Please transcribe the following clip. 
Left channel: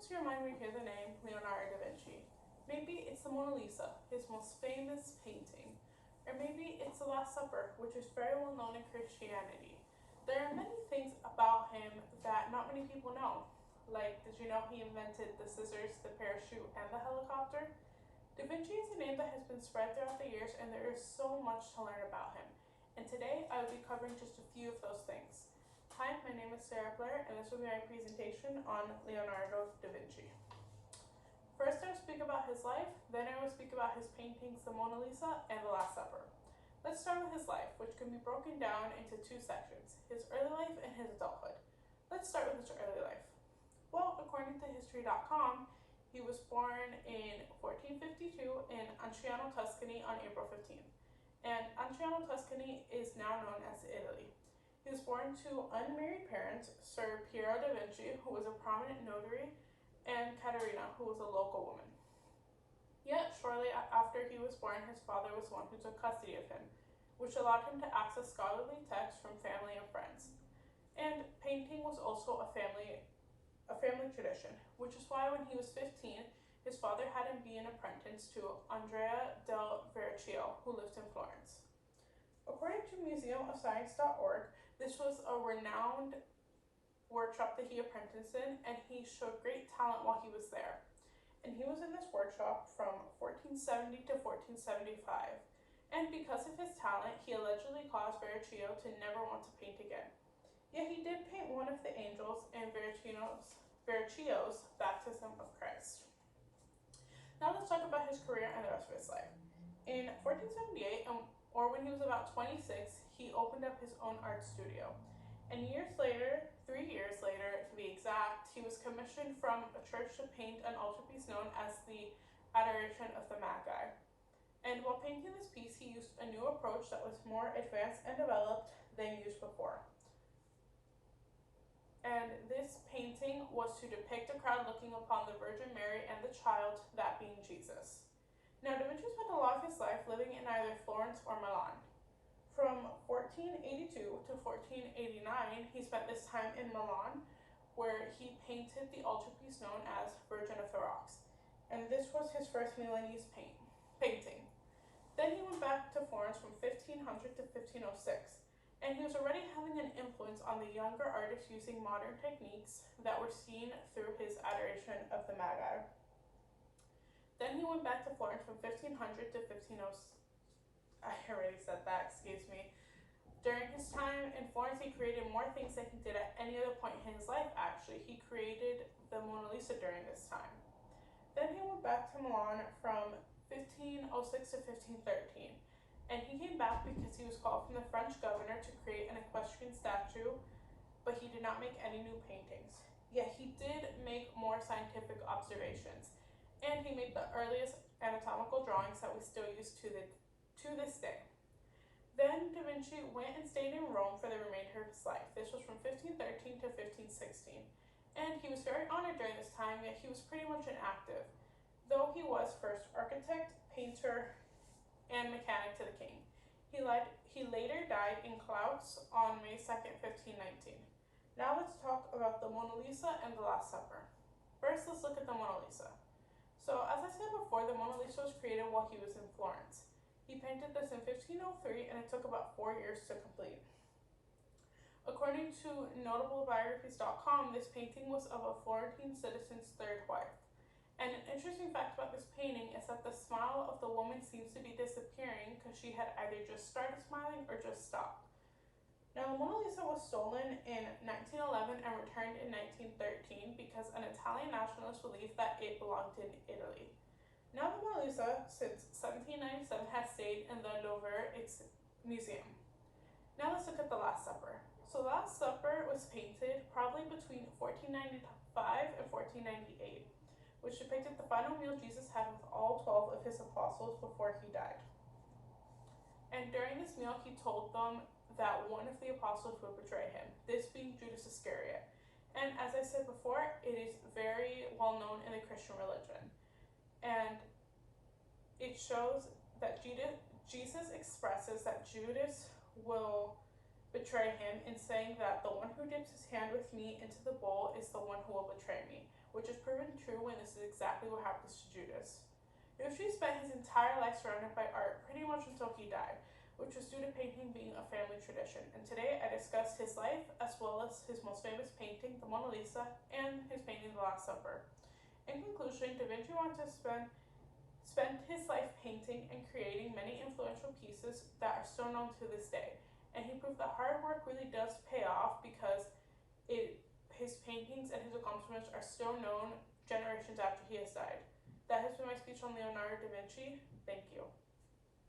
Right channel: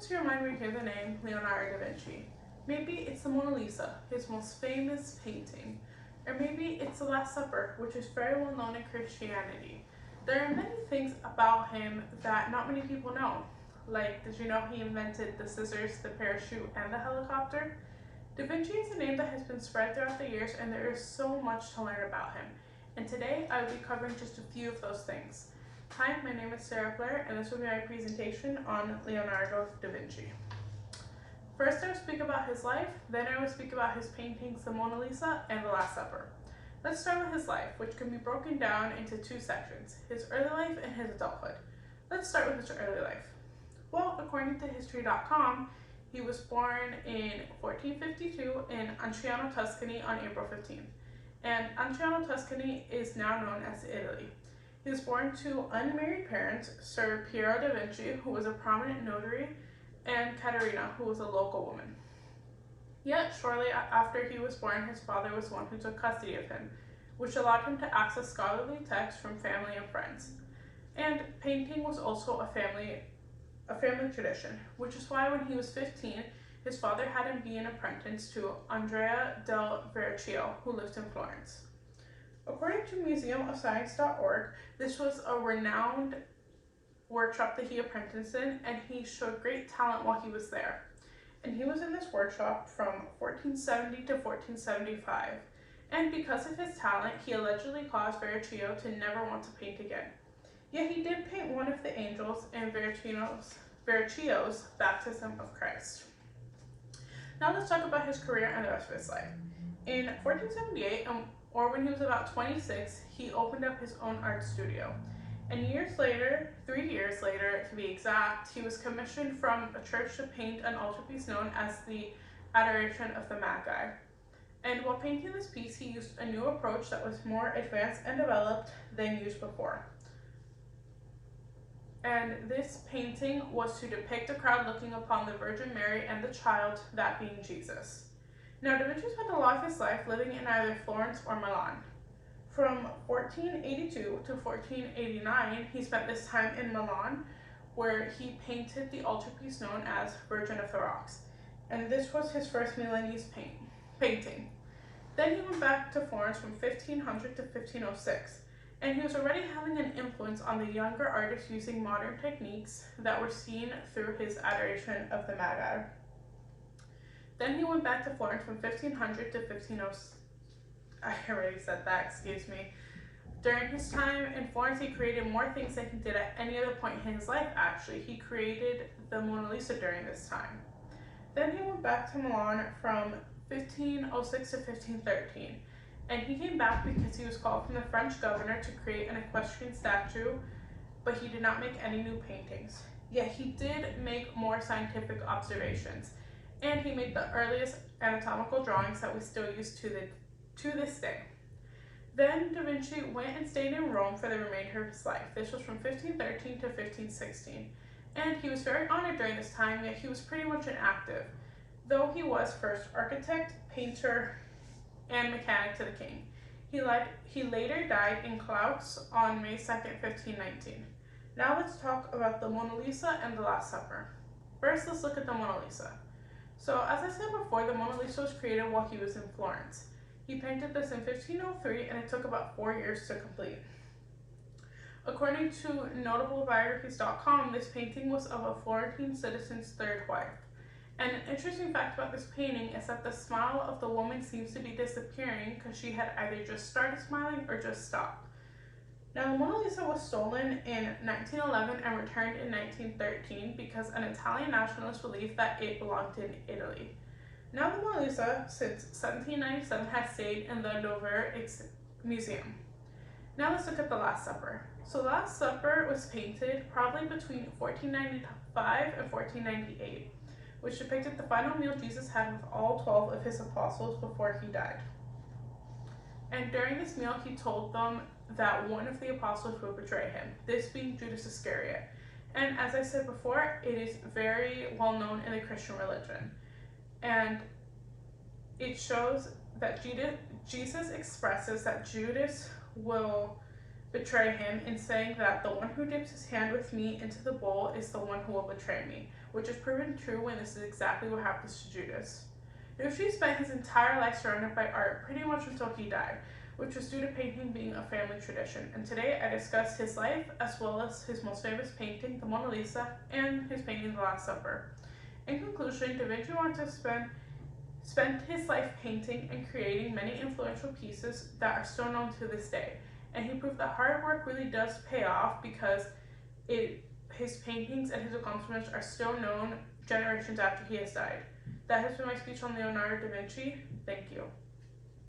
come to your mind when you hear the name Leonardo da Vinci? Maybe it's the Mona Lisa, his most famous painting. Or maybe it's the Last Supper, which is very well known in Christianity. There are many things about him that not many people know. Like, did you know he invented the scissors, the parachute, and the helicopter? Da Vinci is a name that has been spread throughout the years, and there is so much to learn about him. And today I will be covering just a few of those things. Hi, my name is Sarah Blair, and this will be my presentation on Leonardo da Vinci. First, I will speak about his life, then I will speak about his paintings, the Mona Lisa and the Last Supper. Let's start with his life, which can be broken down into two sections, his early life and his adulthood. Let's start with his early life. Well, according to History.com, he was born in 1452 in Anciano, Tuscany on April 15th. And Anciano, Tuscany is now known as Italy. He was born to unmarried parents, Sir Piero da Vinci, who was a prominent notary, and Caterina, who was a local woman. Yet, shortly after he was born, his father was the one who took custody of him, which allowed him to access scholarly texts from family and friends. And painting was also a family tradition, which is why when he was 15, his father had him be an apprentice to Andrea del Verrocchio, who lived in Florence. According to museumofscience.org, this was a renowned workshop that he apprenticed in, and he showed great talent while he was there. And he was in this workshop from 1470 to 1475. And because of his talent, he allegedly caused Verrocchio to never want to paint again. Yet he did paint one of the angels in Verrocchio's baptism of Christ. Now let's talk about his career and the rest of his life. In 1478, or when he was about 26, he opened up his own art studio. And 3 years later to be exact, he was commissioned from a church to paint an altarpiece known as the Adoration of the Magi. And while painting this piece, he used a new approach that was more advanced and developed than used before. And this painting was to depict a crowd looking upon the Virgin Mary and the child, that being Jesus. Now, Da Vinci spent a lot of his life living in either Florence or Milan. From 1482 to 1489, he spent this time in Milan, where he painted the altarpiece known as Virgin of the Rocks. And this was his first Milanese painting. Then he went back to Florence from 1500 to 1506, and he was already having an influence on the younger artists using modern techniques that were seen through his Adoration of the Magi. Then he went back to Florence from 1500 to 1506. I already said that, excuse me. During his time in Florence, he created more things than he did at any other point in his life, actually. He created the Mona Lisa during this time. Then he went back to Milan from 1506 to 1513. And he came back because he was called from the French governor to create an equestrian statue, but he did not make any new paintings. Yet he did make more scientific observations, and he made the earliest anatomical drawings that we still use to this day. Then Da Vinci went and stayed in Rome for the remainder of his life. This was from 1513 to 1516, and he was very honored during this time, yet he was pretty much inactive, though he was first architect, painter, and mechanic to the king. He later died in Klaus on May 2nd, 1519. Now let's talk about the Mona Lisa and the Last Supper. First, let's look at the Mona Lisa. So, as I said before, the Mona Lisa was created while he was in Florence. He painted this in 1503, and it took about 4 years to complete. According to notablebiographies.com, this painting was of a Florentine citizen's third wife. And an interesting fact about this painting is that the smile of the woman seems to be disappearing because she had either just started smiling or just stopped. Now, the Mona Lisa was stolen in 1911 and returned in 1913 because an Italian nationalist believed that it belonged in Italy. Now, the Mona Lisa, since 1797, has stayed in the Louvre Museum. Now, let's look at the Last Supper. So, the Last Supper was painted probably between 1495 and 1498, which depicted the final meal Jesus had with all 12 of his apostles before he died. And during this meal, he told them that one of the apostles would betray him, this being Judas Iscariot. And as I said before, it is very well known in the Christian religion. And it shows that Jesus expresses that Judas will betray him in saying that the one who dips his hand with me into the bowl is the one who will betray me, which is proven true when this is exactly what happens to Judas. Da Vinci spent his entire life surrounded by art pretty much until he died, which was due to painting being a family tradition. And today I discuss his life as well as his most famous painting, the Mona Lisa, and his painting, The Last Supper. In conclusion, Da Vinci wanted to spent his life painting and creating many influential pieces that are still known to this day. And he proved that hard work really does pay off because his paintings and his accomplishments are still known generations after he has died. That has been my speech on Leonardo da Vinci. Thank you.